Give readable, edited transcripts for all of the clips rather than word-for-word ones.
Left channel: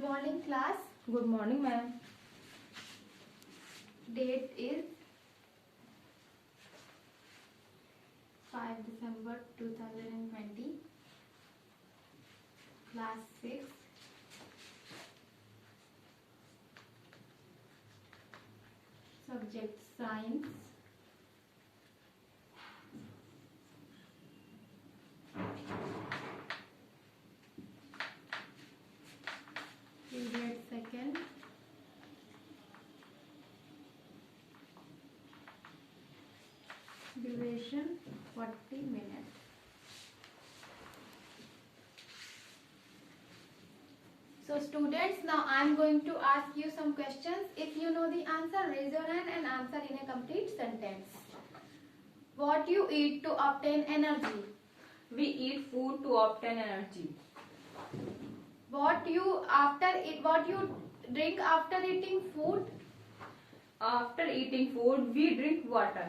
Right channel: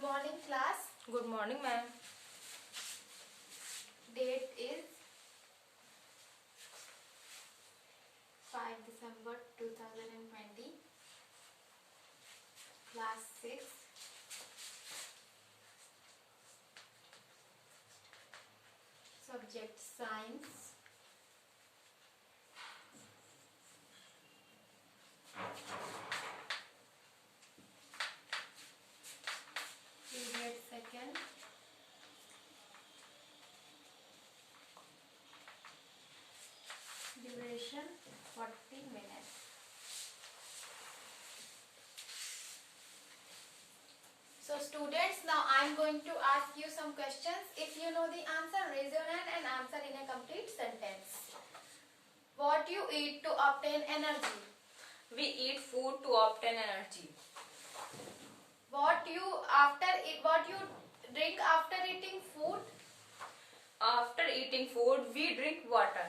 Good morning, class. Good morning, ma'am. Date is 5 December 2020. Class 6. Subject Science. Period second. Duration 40 minutes. So students, now I am going to ask you some questions. If you know the answer, raise your hand and answer in a complete sentence. What you eat to obtain energy? We eat food to obtain energy. What you drink after eating food? After eating food, we drink water.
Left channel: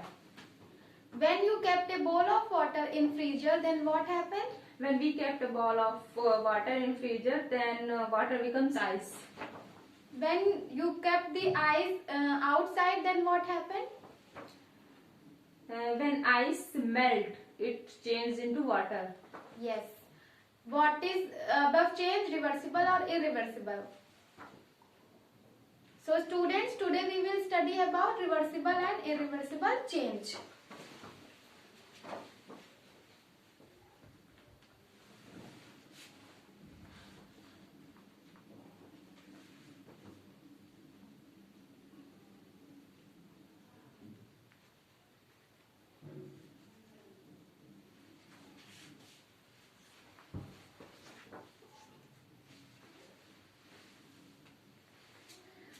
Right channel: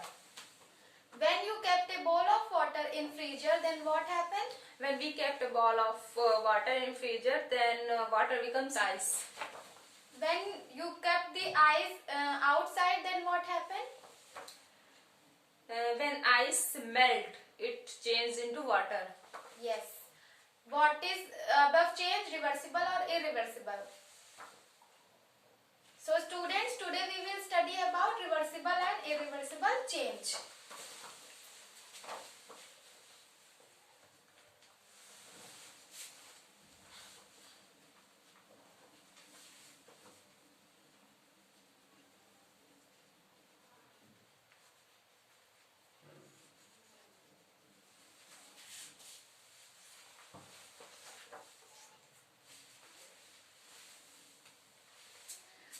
When you kept a bowl of water in freezer, then what happened? When we kept a ball of water in freezer, then water becomes ice. When you kept the ice outside, then what happened? When ice melt, it changes into water. Yes. What is above change, reversible or irreversible? So students, today we will study about reversible and irreversible change.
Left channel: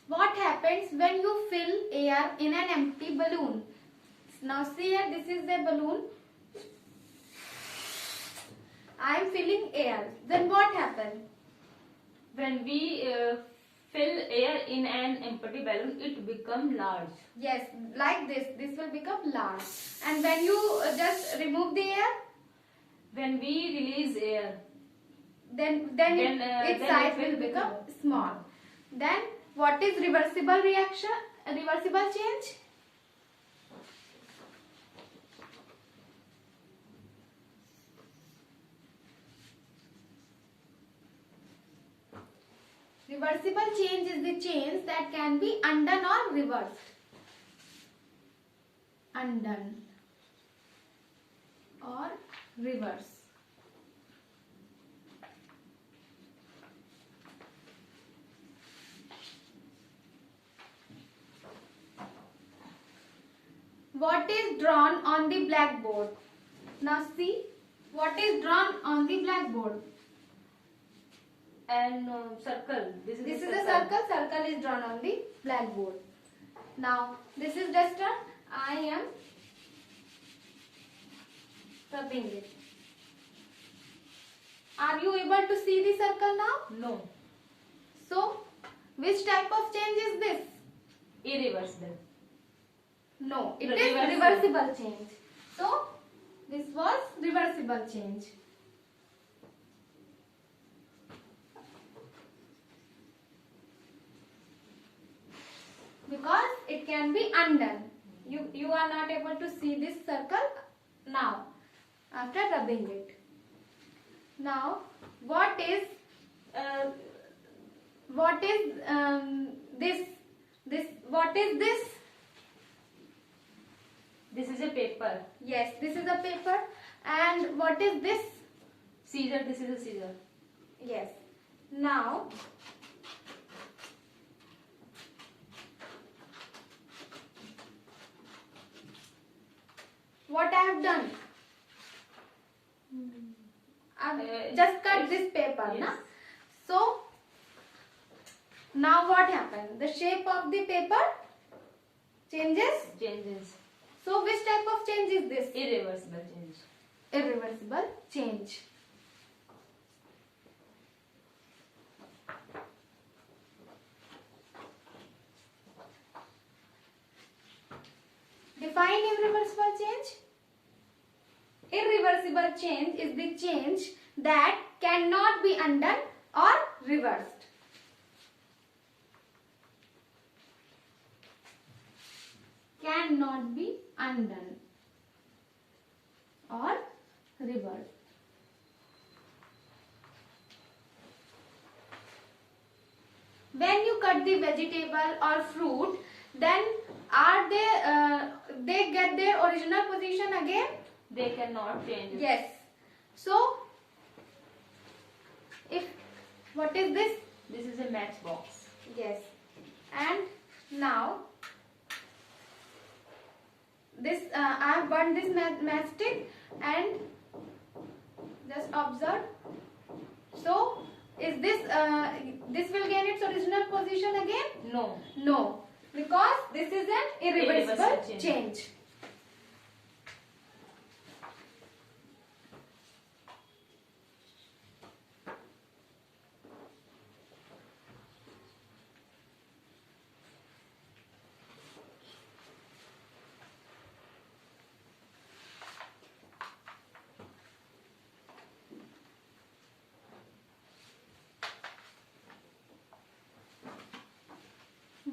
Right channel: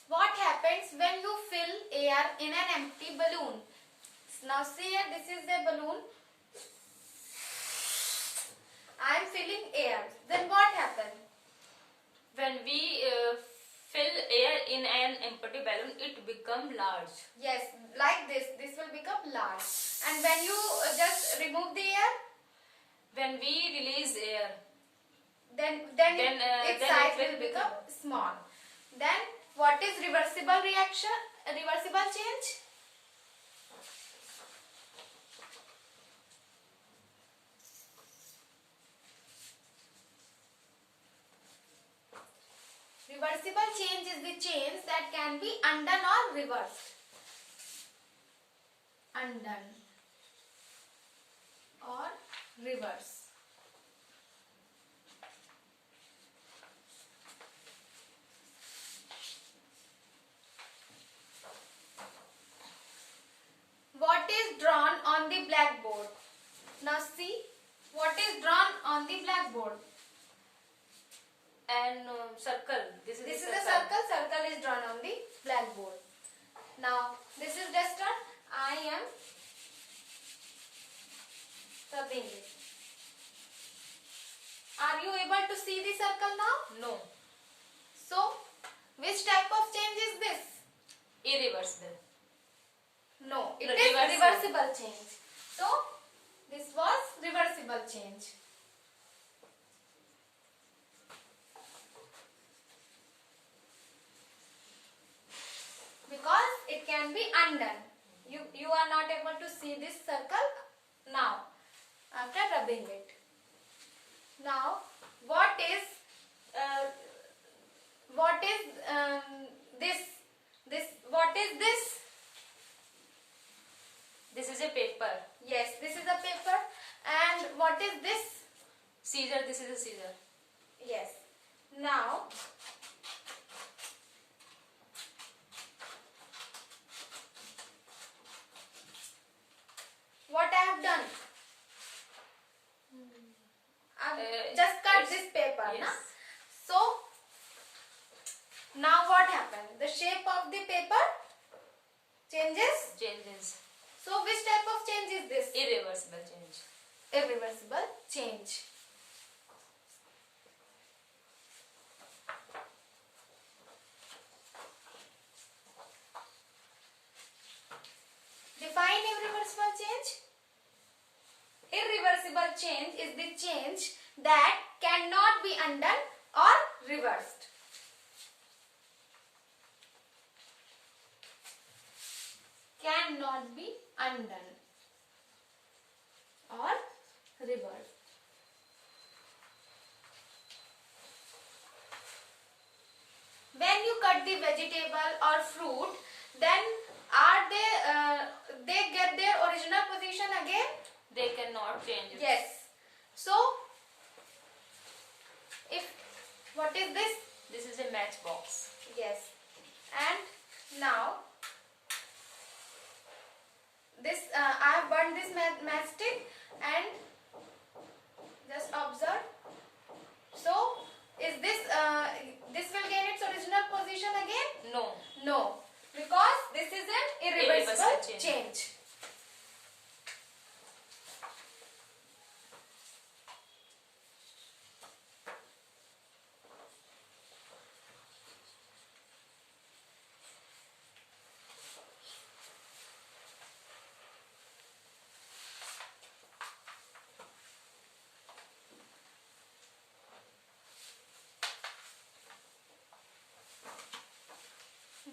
What happens when you fill air in an empty balloon? Now see here, this is the balloon. I am filling air. Then what happens? When we fill air in an empty balloon, it becomes large. Yes, like this. This will become large. And when you just remove the air? When we release air, Then its size will become small. Then what is reversible reaction? Reversible change? Reversible change is the change that can be undone or reversed. Undone or reverse. What is drawn on the blackboard? Now see, what is drawn on the blackboard? and circle. This is a circle. Circle is drawn on the blackboard. Now, this is duster. I am rubbing it. Are you able to see the circle now? No. So, which type of change is this? Irreversible. No, it No, is reversible change. So, this was reversible change. Because it can be undone. You are not able to see this circle now after rubbing it. Now, what is this? What is this? This is a paper. Yes, this is a paper. And what is this? Scissor. This is a scissor. Yes. Now, what I have done? I have just cut this paper. Yes. Na? So, now what happened? The shape of the paper changes. Changes. So, which type of change is this? Irreversible change. Irreversible change. Define irreversible change. Irreversible change is the change that cannot be undone or reversed. cannot be undone or reversed. When you cut the vegetable or fruit, then are they get their original position again? They cannot change it. Yes. So, if what is this? This is a matchbox. Yes. And now this I have burned this matchstick and just observe. So, is this this will gain its original position again? No. No, because this is an irreversible Irreversible change.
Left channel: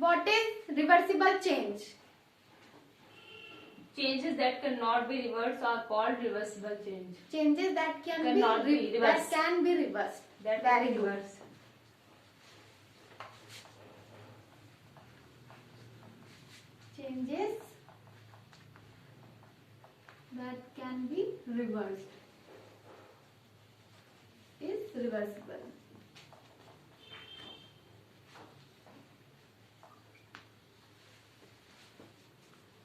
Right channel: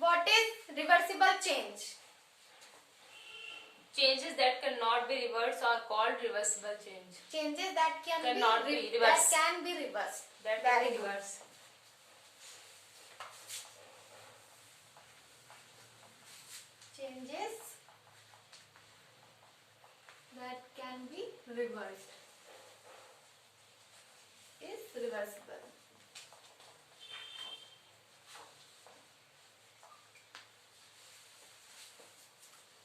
What is reversible change? Changes that cannot be reversed are called reversible change. Changes that Cannot be reversed. That can be reversed. That Very can be good. reversed. Changes that can be reversed is reversible.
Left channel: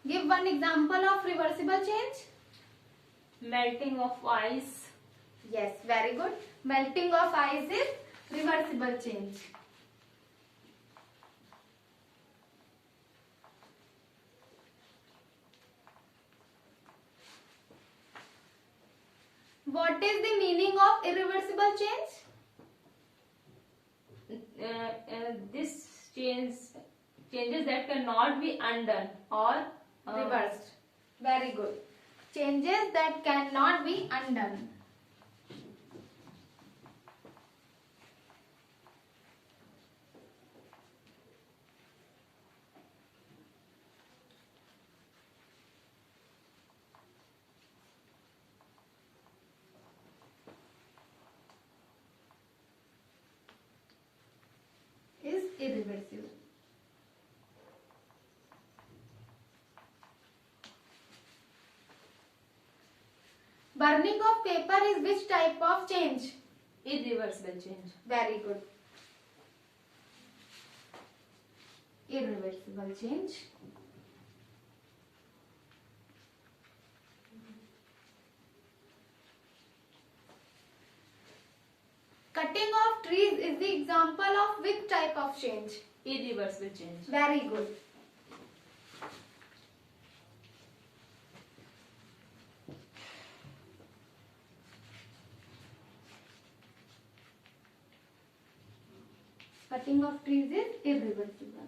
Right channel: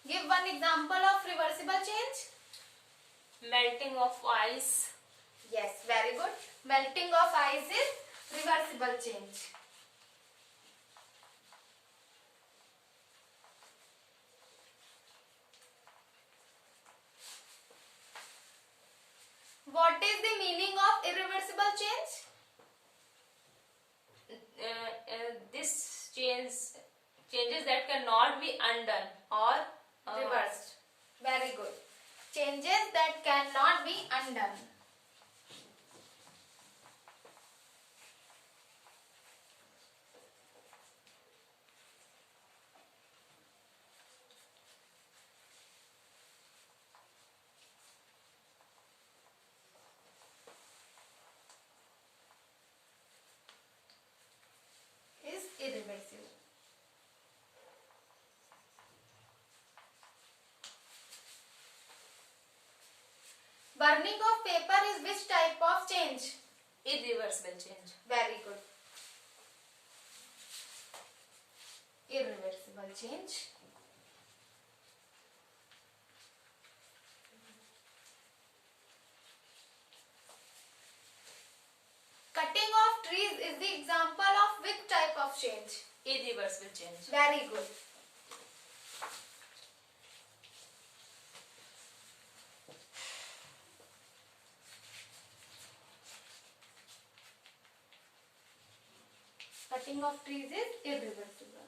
Give one example of reversible change. Melting of ice. Yes, very good. Melting of ice is reversible change. What is the meaning of irreversible change? This changes that cannot be undone or Reversed. Very good. Changes that cannot be undone. Is irreversible. Burning of paper is which type of change? irreversible change. Very good. Irreversible change. Cutting of trees is the example of which type of change? Irreversible change. Very good. Cutting of trees is irreversible.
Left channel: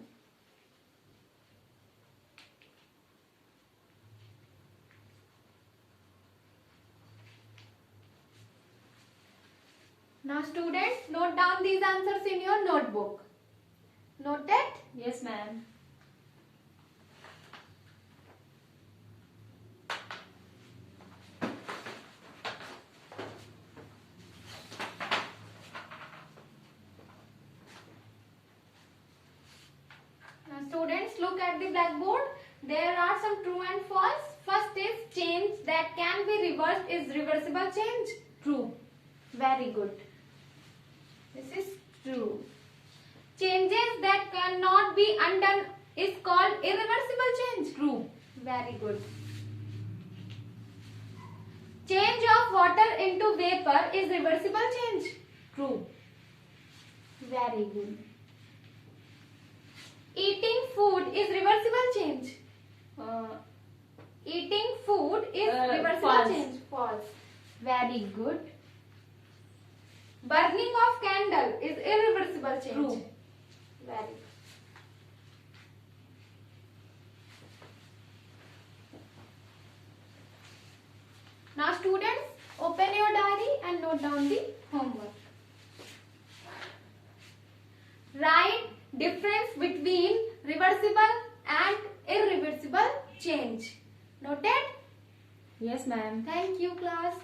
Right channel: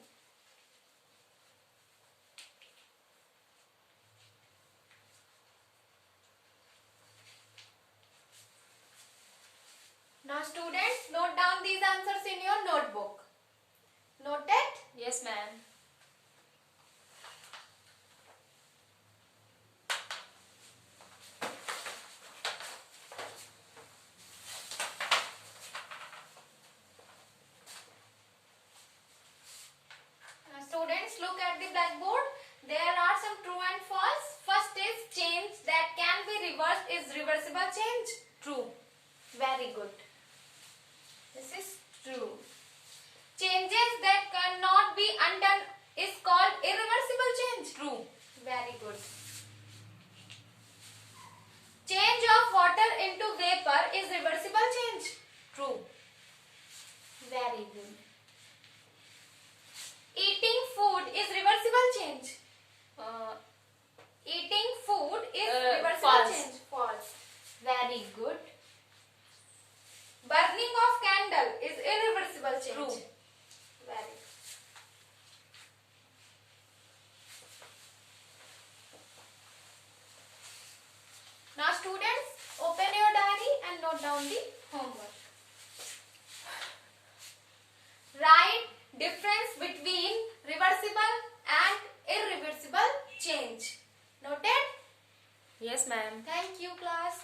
Now students, note down these answers in your notebook. Noted? Yes, ma'am. Now students, look at the blackboard. There are some true and false. First is change that can be reversed is reversible change. True. Very good. This is true. Changes that cannot be undone is called irreversible change. True. Very good. Change of water into vapor is reversible change. True. Very good. Eating food is reversible change. Eating food is reversible false. change. False. Very good. Burning of candle is irreversible change. True. Very good. Now students, open your diary and note down the homework. Write difference between reversible and irreversible Yes, ma'am. Thank you, class.